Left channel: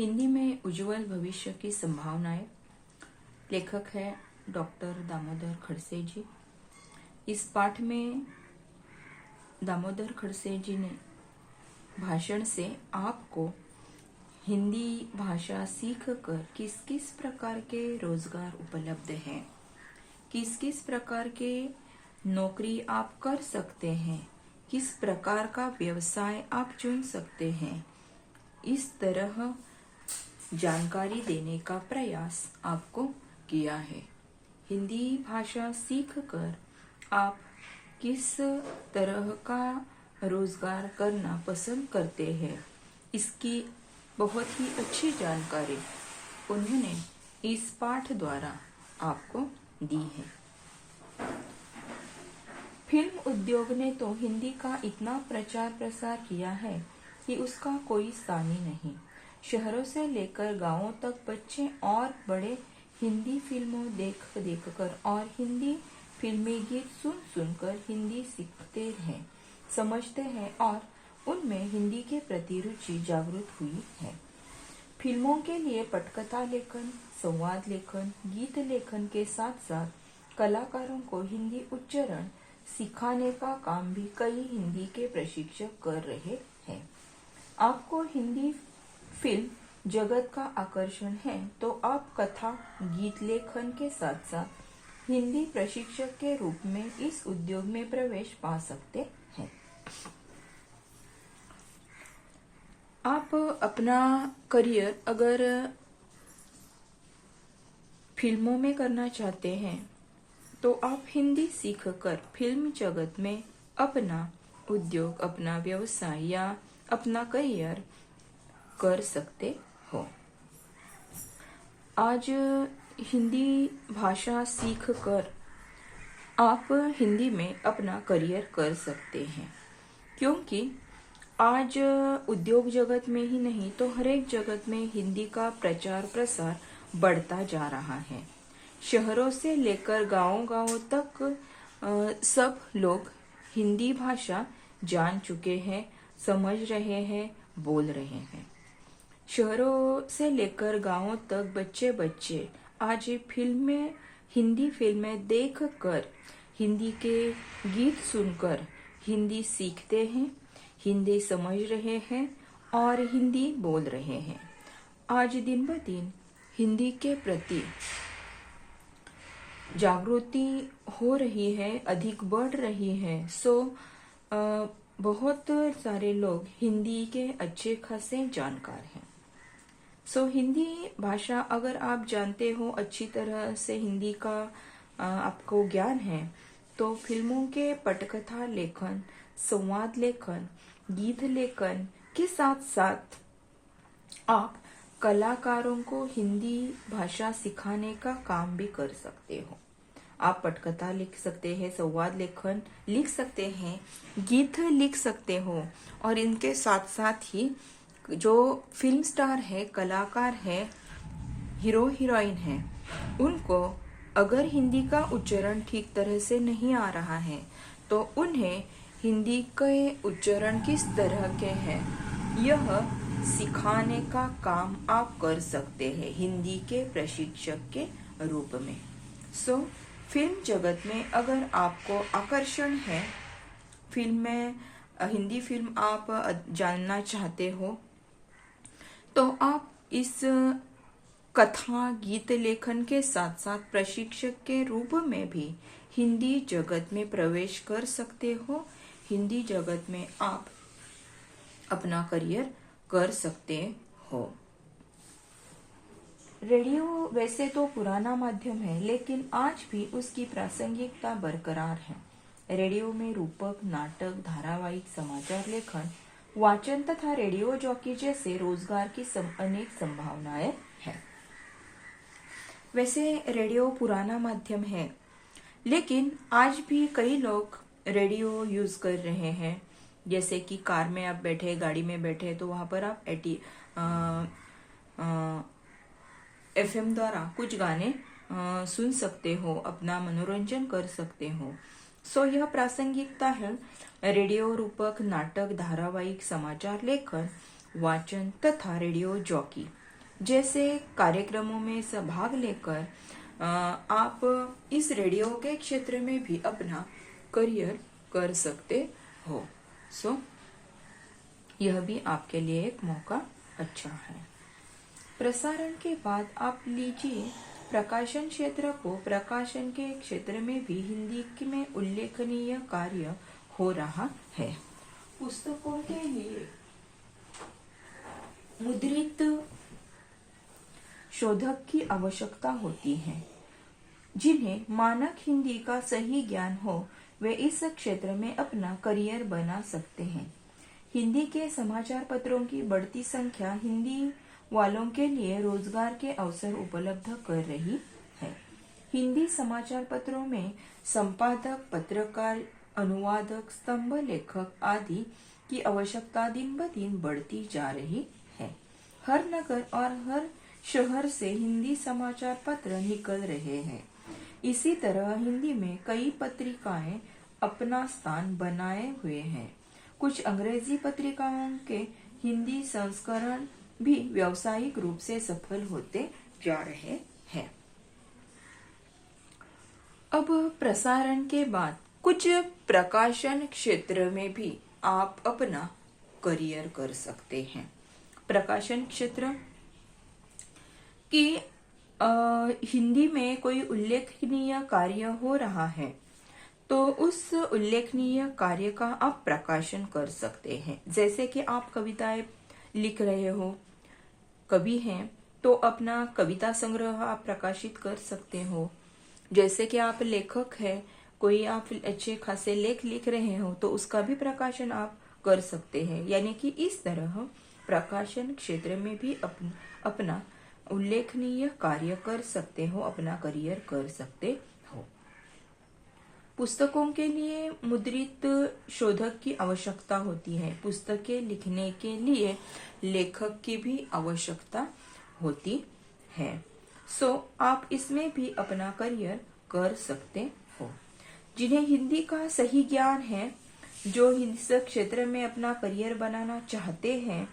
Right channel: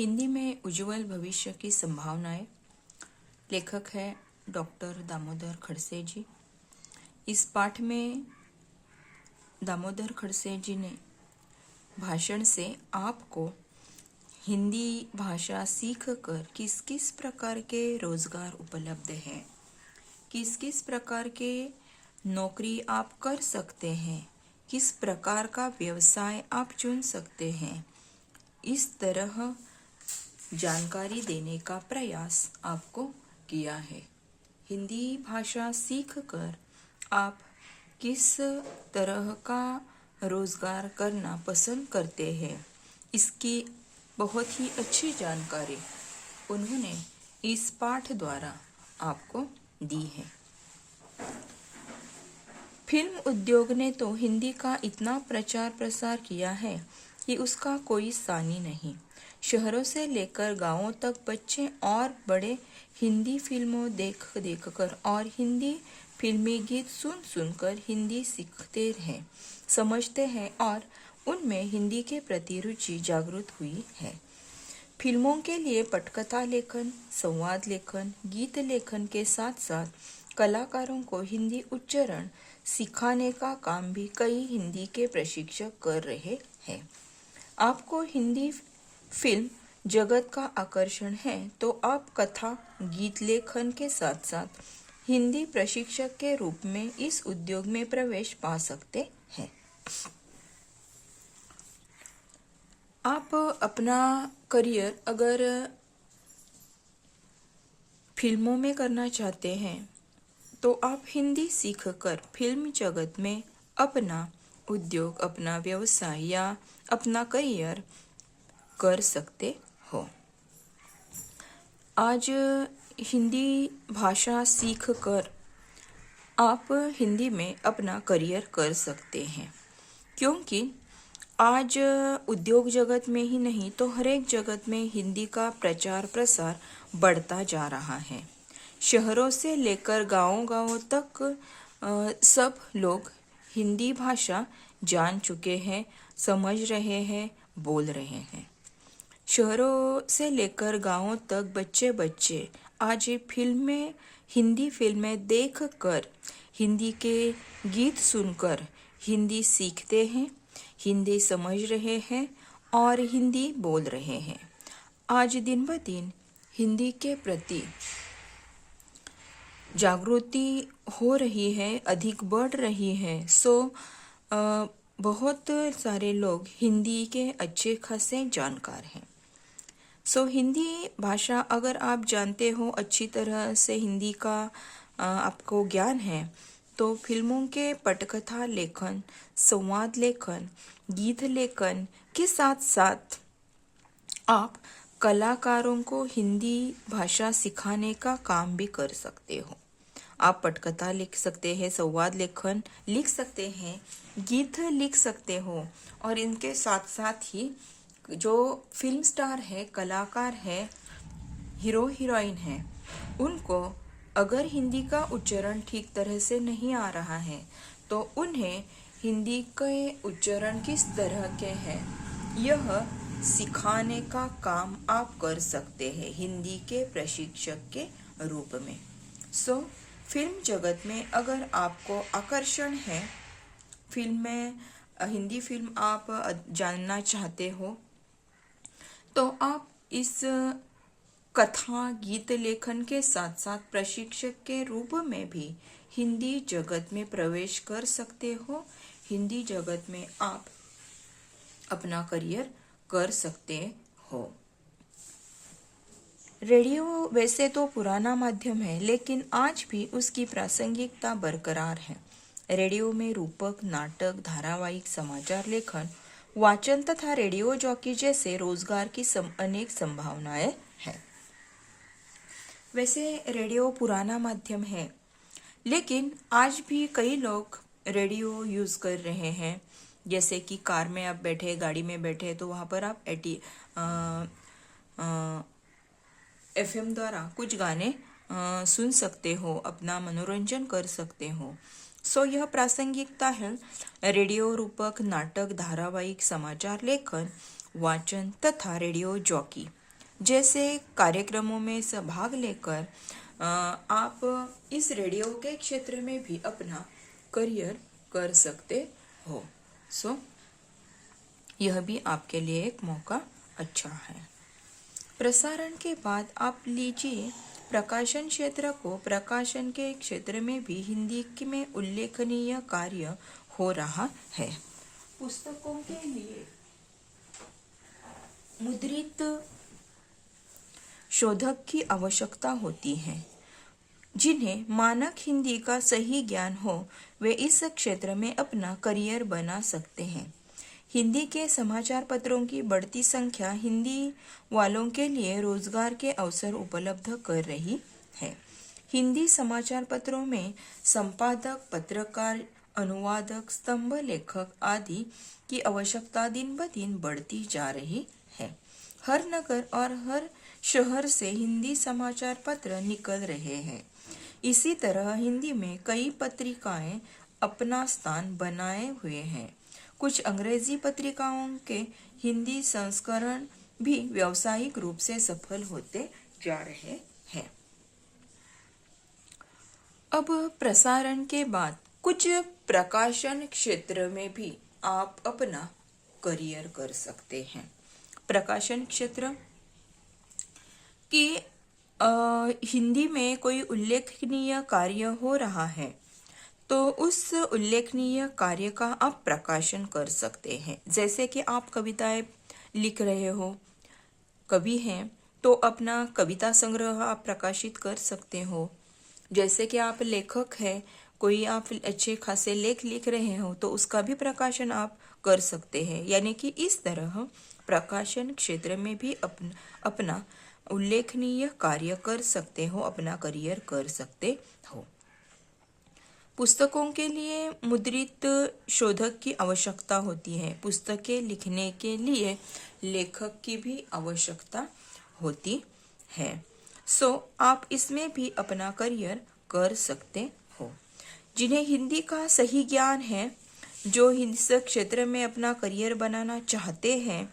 हिंदी में उज्जवल भविष्य की संभावनाएं। लेखक है डॉक्टर दामोदर खड़से जी। इस पाठ में दामोदर खड़से जी ने भाषण से आपको हिंदी भाषा सीखकर किस किस प्रकार के रोजगार उपलब्ध हैं, किस किस प्रकार के नौकरी आप कर सकते हैं, किस प्रकार का व्यवसाय आप चुन सकते हैं, इस तरह जानकारी देने का प्रयास आपको किया है। हिंदी भाषा सीखकर आप किस तरह का रोजगार करना पसंद करते हैं, इसकी बहुत ही अच्छी जानकारी उन्होंने इस पाठ द्वारा आपको दी है। फिल्म उद्योग ने तो हिंदी का इतना प्रचार प्रसार किया है कि उसका कोई सानी नहीं। शहरों से लेकर गांवों तक बच्चे और बड़े हिंदी फिल्मों देख कर और हिंदी फिल्मी गीत सुन सुनकर हिंदी सीखते हैं, समझते हैं और उनमें हिंदी के प्रति रुचि जागृत हुई है। फिल्मों के लिए पटकथा लेखन, संवाद लेखन, गीत लेखन के साथ साथ कलाकारों को हिंदी उच्चारण सिखाने का काम भी कई हिंदी के प्रशिक्षक कर रहे हैं। आपको हिंदी फिल्म जगत का आकर्षण है तो आप कथा, गीत लेखन के साथ साथ हिंदी प्रशिक्षक के रूप में इस उद्योग में प्रवेश पा सकते हैं। आप अपना करियर अगर फिल्मों में करना चाहते हैं तो आप हिंदी सीखकर फिल्म जगत में अपना उद्योग, अपना व्यवसाय या अपना करियर कर सकते हो। आज हिंदी भाषा सीखकर आप हिंदी में अपना करियर कर सकते हैं, क्योंकि आज उद्योग जगत में ही नहीं तो हर एक जगत में हिंदी का प्रचार प्रसार बढ़ता जा रहा है। शहरों से लेकर गांव-गांव तक सब लोग हिंदी भाषा जान चुके हैं, समझ रहे हैं, बोल रहे हैं। शहरों से लेकर गांवों तक बच्चे आज हिंदी फिल्में देखकर, हिंदी के गीत सुनकर हिंदी सीखते हैं, हिंदी समझ रहे हैं और हिंदी बोल रहे हैं। आज दिन ब दिन हिंदी के प्रति जागृति हो रही है, अधिक बढ़ रही है। बहुत सारे लोग हिंदी के अच्छे खासे जानकार हैं। हिंदी भाषा अगर आप जानते हो, अच्छी तरह से हिंदी का आपको ज्ञान है, तो फिल्मों के पटकथा लेखन, संवाद लेखन, गीत लेखन के साथ साथ आप कलाकारों को हिंदी भाषा सिखाने का काम भी कर सकते हो। आप पटकथा लिख सकते हैं, संवाद लेखन लिख सकते हैं, गीत लिख सकते हो और इनके साथ साथ ही जो फिल्म स्टार है, कलाकार है, हीरो हीरोइन है, उनको अगर हिंदी का उच्चारण ठीक तरह से नहीं आ रहा है तो उन्हें हिंदी के उच्चारण किस तरह के हैं यह सिखाने का काम आप कर सकते हैं हिंदी के प्रशिक्षक के रूप में। फिल्म जगत में अगर आपको आकर्षण है, हिंदी फिल्म आप जानना चाहते हो, तो आप इस कथा, गीत लेखन के साथ साथ प्रशिक्षक के रूप में भी हिंदी जगत में प्रवेश कर सकते हो। हिंदी जगत में आप अपना करियर कर सकते हो। रेडियो वैसे तो पुराना माध्यम है, लेकिन आज भी उसकी प्रासंगिकता बरकरार है। रेडियो में रूपक, नाटक, धारावाहिक, समाचार लेखन, वाचन तथा रेडियो जॉकी जैसे रोजगार की अनेक संभावनाएं हैं। वैसे रेडियो पुराना माध्यम है, लेकिन आज भी कई लोग रेडियो यूज कर रहे हैं। जैसे कि कार में आप बैठे, गाड़ी में बैठे, तो वहां पर आप FM द्वारा कुछ गाने सुन सकते हो, अपना मनोरंजन कर सकते हो। यह प्रासंगिकता है। रेडियो रूपक, नाटक, धारावाहिक, समाचार लेखन, वाचन तथा रेडियो जॉकी जैसे कार्यक्रमों में भाग लेकर आप इस रेडियो के क्षेत्र में भी अपना करियर कर सकते हो। सो यह भी आपके लिए एक मौका अच्छा है। प्रसारण के बाद आप लीजिए प्रकाशन क्षेत्र को। प्रकाशन के क्षेत्र में भी हिंदी में उल्लेखनीय कार्य हो रहा है। पुस्तकों के लिए मुद्रित शोधक की आवश्यकता होती है। जिन्हें मानक हिंदी का सही ज्ञान हो वे इस क्षेत्र में अपना करियर बना सकते हैं। हिंदी के समाचार पत्रों की बढ़ती संख्या हिंदी वालों के लिए रोजगार के अवसर उपलब्ध कर रही है। हिंदी समाचार पत्रों में संपादक, पत्रकार, अनुवादक, स्तंभ लेखक आदि की आवश्यकता दिन ब दिन बढ़ती जा रही है। हर नगर और हर शहर से हिंदी समाचार पत्र निकल रहे हैं। इसी तरह हिंदी में कई पत्रिकाएं अपना स्थान बनाए हुए हैं। कुछ अंग्रेजी पत्रिकाओं के हिंदी संस्करण भी व्यावसायिक रूप से सफल होते जा रहे हैं। अब प्रसारण के बाद कुछ प्रकाशन क्षेत्र में भी आप अपना करियर कर सकते हैं। प्रकाशन क्षेत्र कि हिंदी में कोई उल्लेखनीय कार्य हो रहा है तो उस उल्लेखनीय कार्य का आप प्रकाशन कर सकते हैं। जैसे कि आप कविताएं लिख रहे हो, कवि हैं, तो अपना कविता संग्रह आप प्रकाशित कर सकते हो। जैसे कि आप लेखक हैं, कोई आप अच्छे खासे लेख लिख रहे हो तो उसका भी प्रकाशन आप कर सकते हैं। यानी कि इस तरह प्रकाशन क्षेत्र में भी अपना उल्लेखनीय कार्य कर सकते हो, अपना करियर कर सकते हो। पुस्तकों के लिए मुद्रित शोधक की आवश्यकता होती है। पुस्तकें लिखने के लिए लेखक की भी आवश्यकता होती है। सो आप इसमें भी अपना करियर कर सकते हो। जिन्हें हिंदी का सही ज्ञान है, जो इस क्षेत्र में अपना करियर बनाना चाहते हैं,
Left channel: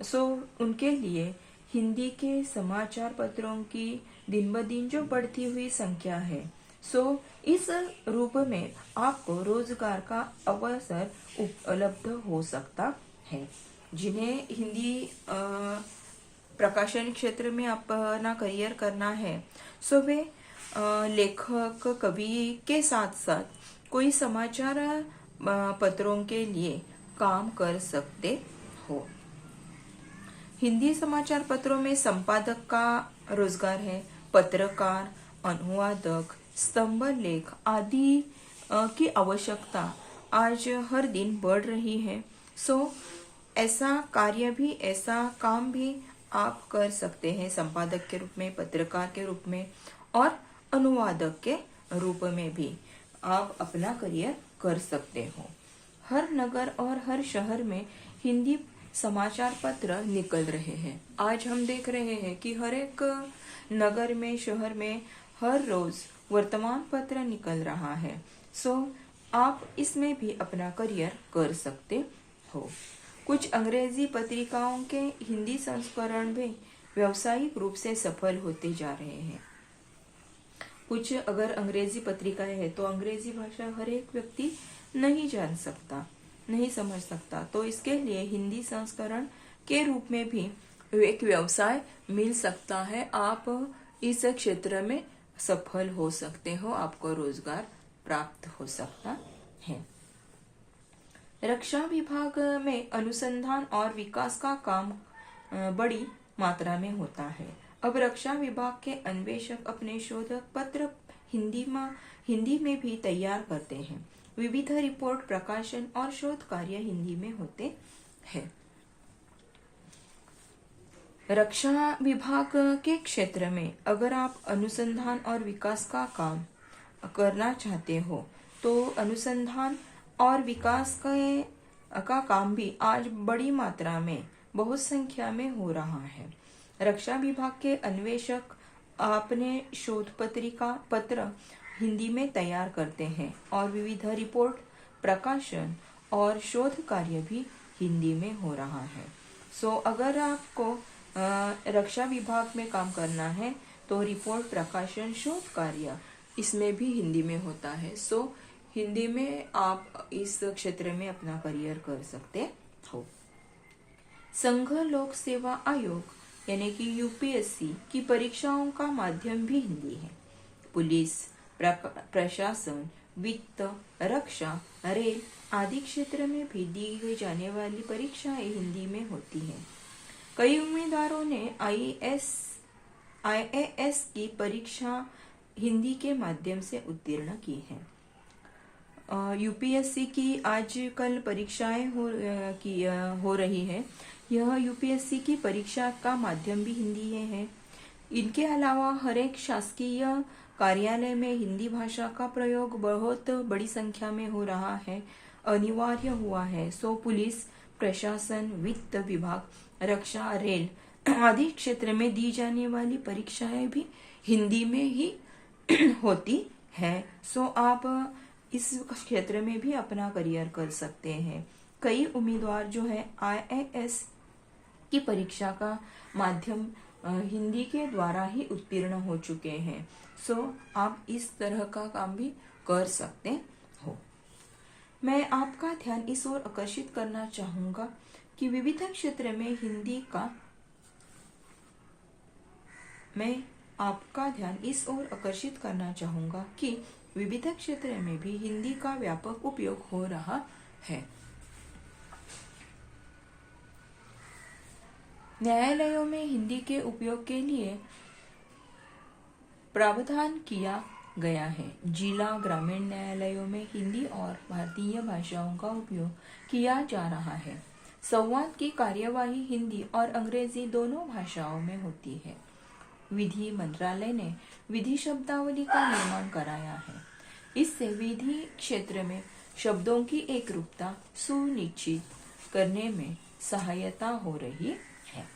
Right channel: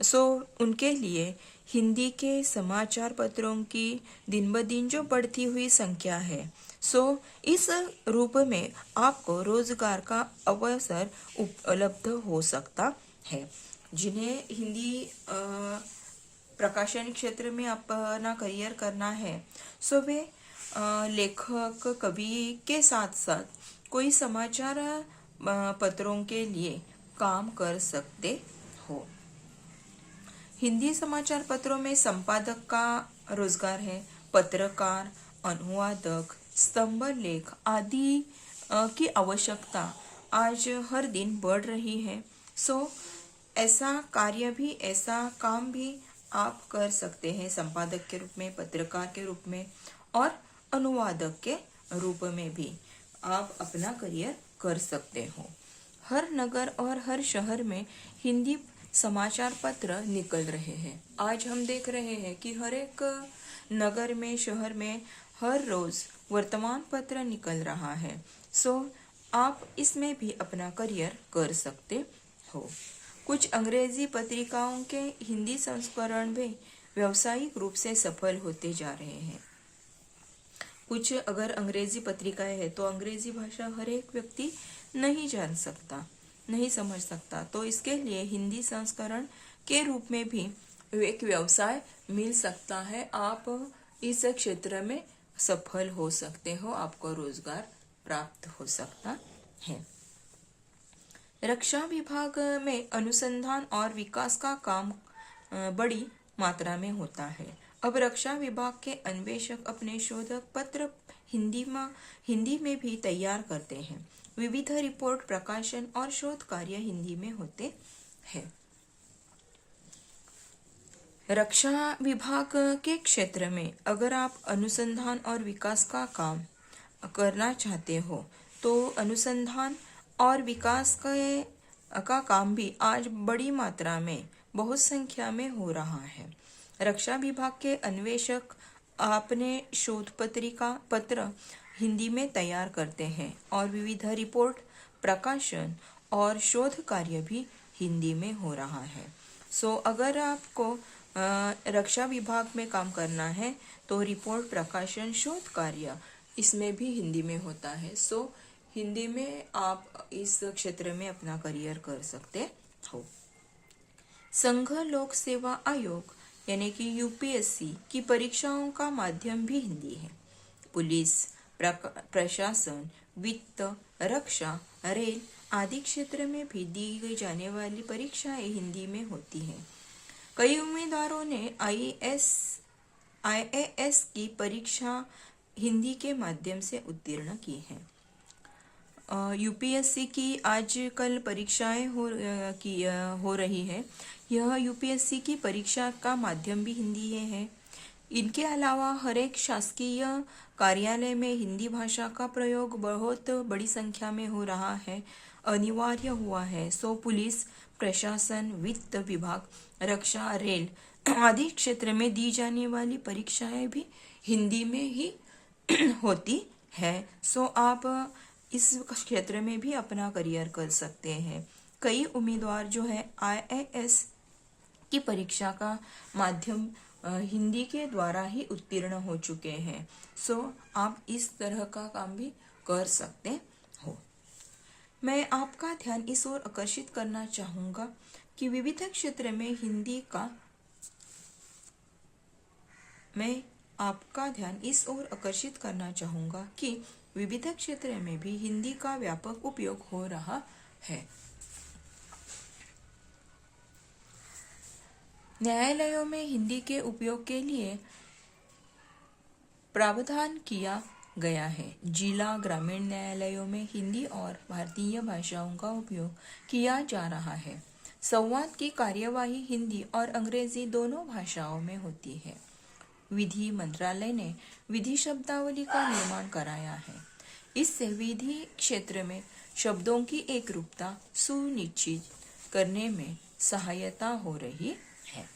सो उनके लिए हिंदी के समाचार पत्रों की दिन ब दिन जो बढ़ती हुई संख्या है, सो इस रूप में आपको रोजगार का अवसर उपलब्ध हो सकता है। जिन्हें हिंदी प्रकाशन क्षेत्र में अपना करियर करना है, सो वे लेखक, कवि के साथ साथ कोई समाचार पत्रों के लिए काम कर सकते हो। हिंदी समाचार पत्रों में संपादक का रोजगार है। पत्रकार, अनुवादक, स्तंभ लेख आदि की आवश्यकता आज हर दिन बढ़ रही है। सो ऐसा कार्य भी, ऐसा काम भी आप कर सकते हैं संपादक के रूप में, पत्रकार के रूप में और अनुवादक के रूप में भी आप अपना करियर कर सकते हो। हर नगर और हर शहर में हिंदी समाचार पत्र निकल रहे हैं। आज हम देख रहे हैं कि हर एक नगर में, शहर में हर रोज वर्तमान पत्र निकल रहा है। सो आप इसमें भी अपना करियर कर सकते हो। कुछ अंग्रेजी पत्रिकाओं के हिंदी संस्करण भी व्यावसायिक रूप से सफल होते जा रहे हैं। कुछ अगर अंग्रेजी पत्रिकाएं है तो अंग्रेजी भाषा हर एक व्यक्ति नहीं जान सकता, नहीं समझ सकता, तो इसके लिए हिंदी संस्करण के रूप में भी एक व्यवसाय मिल सकता है। आप इस क्षेत्र में सफल हो सकते हो, आपको रोजगार प्राप्त हो सकता है। रक्षा विभाग में अनुसंधान और विकास का काम बड़ी मात्रा में होता है। अब रक्षा विभाग के अन्वेषक अपने शोधक पत्र हिंदी में भी तैयार करते हैं। विविध रिपोर्ट, प्रकाशन और शोध कार्य हिंदी में होते हैं। रक्षा विभाग के क्षेत्र में अगर आप अनुसंधान और विकास का काम करना चाहते हो तो अनुसंधान और विकास का काम भी आज बड़ी मात्रा में, बहुत संख्या में हो रहा है। रक्षा विभाग के अन्वेषक अपने शोध पत्र हिंदी में तैयार करते हैं और विविध रिपोर्ट, प्रकाशन और शोध कार्य भी हिंदी में हो रहा है। सो अगर आपको रक्षा विभाग में काम करना है तो रिपोर्ट, प्रकाशन, शोध कार्य इसमें भी हिंदी में होता है। सो हिंदी में आप इस क्षेत्र में अपना करियर कर सकते हो। संघ लोक सेवा आयोग यानी कि यूपीएससी की परीक्षाओं का माध्यम भी हिंदी है। पुलिस, प्रशासन, वित्त, रक्षा, रेल आदि क्षेत्र में भी दी जाने वाली परीक्षाएं हिंदी में होती हैं। कई उम्मीदवारों ने आईएएस की परीक्षा हिंदी के माध्यम से उत्तीर्ण की है। यूपीएससी की आजकल परीक्षाएं हो रही है। यह यूपीएससी की परीक्षा का माध्यम भी हिंदी है। इनके अलावा हर एक शासकीय कार्यालय में हिंदी भाषा का प्रयोग बहुत बड़ी संख्या में हो रहा है, अनिवार्य हुआ है। सो पुलिस, प्रशासन, वित्त विभाग, रक्षा, रेल आदि क्षेत्र में दी जाने वाली परीक्षाएं भी हिंदी में ही होती है। सो आप इस क्षेत्र में भी अपना करियर कर सकते हैं। कई उम्मीदवार जो है आईएएस की परीक्षा का माध्यम हिंदी के द्वारा ही उत्तीर्ण हो चुके हैं। सो आप इस तरह का काम भी कर सकते हो। मैं आपका ध्यान इस ओर आकर्षित करना चाहूंगा कि विविध क्षेत्र में हिंदी का विविध क्षेत्र में भी हिंदी का व्यापक उपयोग हो रहा है। न्यायालयों में हिंदी के उपयोग के लिए प्रावधान किया गया है। जिला ग्रामीण न्यायालयों में हिंदी और भारतीय भाषाओं का उपयोग किया जा रहा है। संवाद की कार्यवाही हिंदी और अंग्रेजी दोनों भाषाओं में होती है। विधि मंत्रालय ने विधि शब्दावली का निर्माण कराया है। इससे विधि क्षेत्र में शब्दों की एकरूपता सुनिश्चित करने में सहायता हो रही है।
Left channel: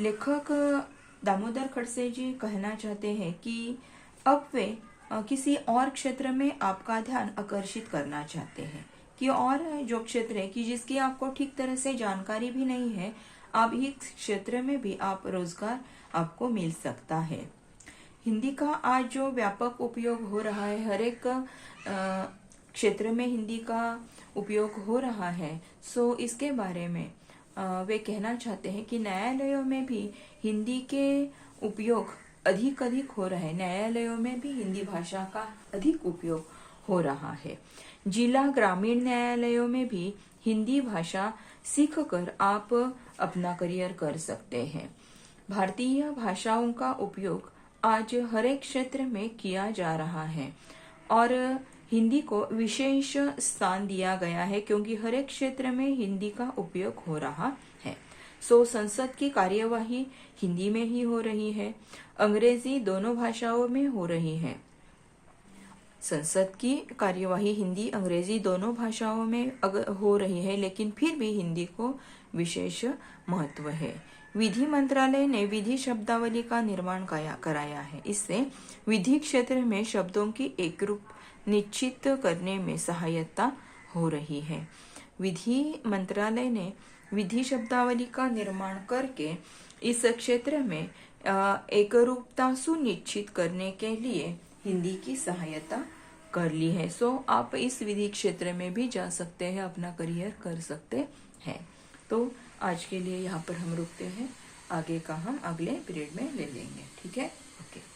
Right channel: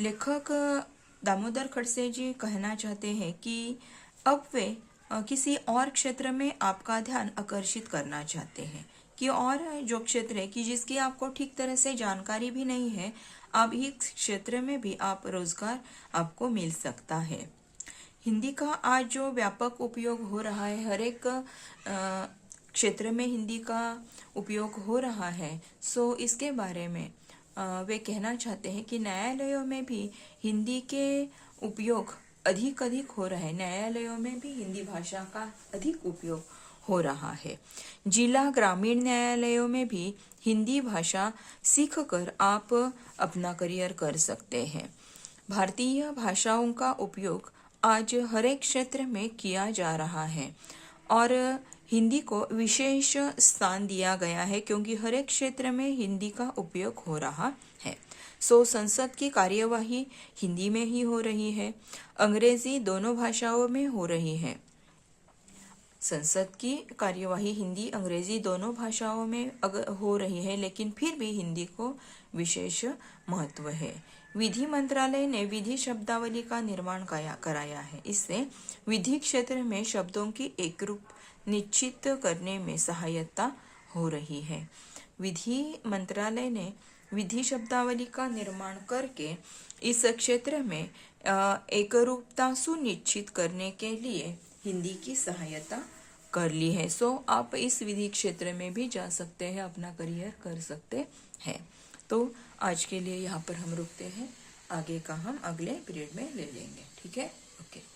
लेखक दामोदर खड़से जी कहना चाहते हैं कि अब वे किसी और क्षेत्र में आपका ध्यान आकर्षित करना चाहते हैं कि और जो क्षेत्र है कि जिसकी आपको ठीक तरह से जानकारी भी नहीं है, आप इस क्षेत्र में भी आप रोजगार आपको मिल सकता है। हिंदी का आज जो व्यापक उपयोग हो रहा है, हर एक क्षेत्र में हिंदी का उपयोग हो रहा है। सो इसके बारे में वे कहना चाहते हैं कि न्यायालयों में भी हिंदी के उपयोग अधिक हो रहा है। न्यायालयों में भी हिंदी भाषा का अधिक उपयोग हो रहा है। जिला ग्रामीण न्यायालयों में भी हिंदी भाषा सीखकर आप अपना करियर कर सकते हैं। भारतीय भाषाओं का उपयोग आज हर एक क्षेत्र में किया जा रहा है और हिंदी को विशेष स्थान दिया गया है क्योंकि हर एक क्षेत्र में हिंदी का उपयोग हो रहा है। सो संसद की कार्यवाही हिंदी में ही हो रही है, अंग्रेजी दोनों भाषाओं में हो रही है। संसद की कार्यवाही हिंदी अंग्रेजी दोनों भाषाओं में हो रही है, लेकिन फिर भी हिंदी को विशेष महत्व है। विधि मंत्रालय ने विधि शब्दावली का निर्माण कराया है। इससे विधि क्षेत्र में शब्दों की एकरूप निश्चित करने में सहायता हो रही है। विधि मंत्रालय ने विधि शब्दावली का निर्माण करके इस क्षेत्र में एकरूपता सुनिश्चित करने के लिए हिंदी की सहायता कर ली है। सो आप इस विधि क्षेत्र में भी जा सकते हैं, अपना करियर कर सकते हैं। तो आज के लिए यहाँ पर हम रुकते हैं, आगे का हम अगले पीरियड में ले लेंगे। ठीक है, ओके।